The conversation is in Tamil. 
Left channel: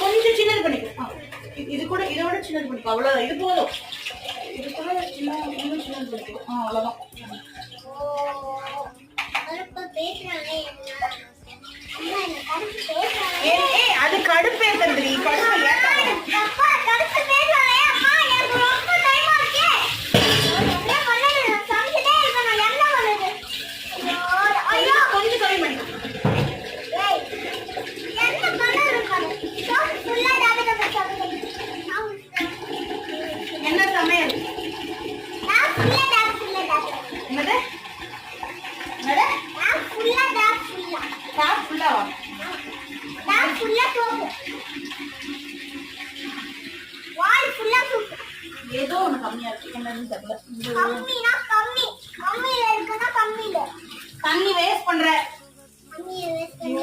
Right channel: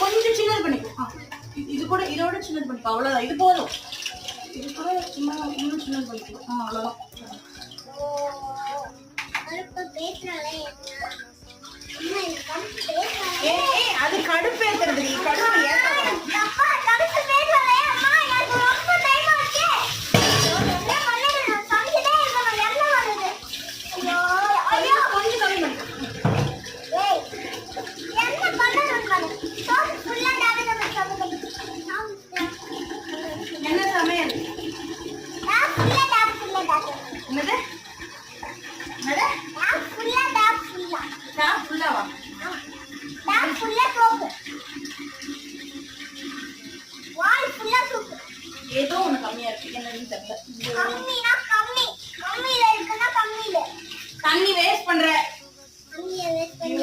கொஞ்சம் சின்னது பண்ணிக்கோ. இது கூட இதோட சின்னது பண்ணிக்கோ. அவ்வளோதான், இது போதும். இது கூட இன்னும் சின்னது பண்ணிக்கோ. அவ்வளோதான். அது கடுப்பு ஏத்துறதுடி. கடுப்பு என்ன சமையல்? என்னது? ஏதோ ஒண்ணு கம்மியா இருக்கு. என்னன்னு தெரியல.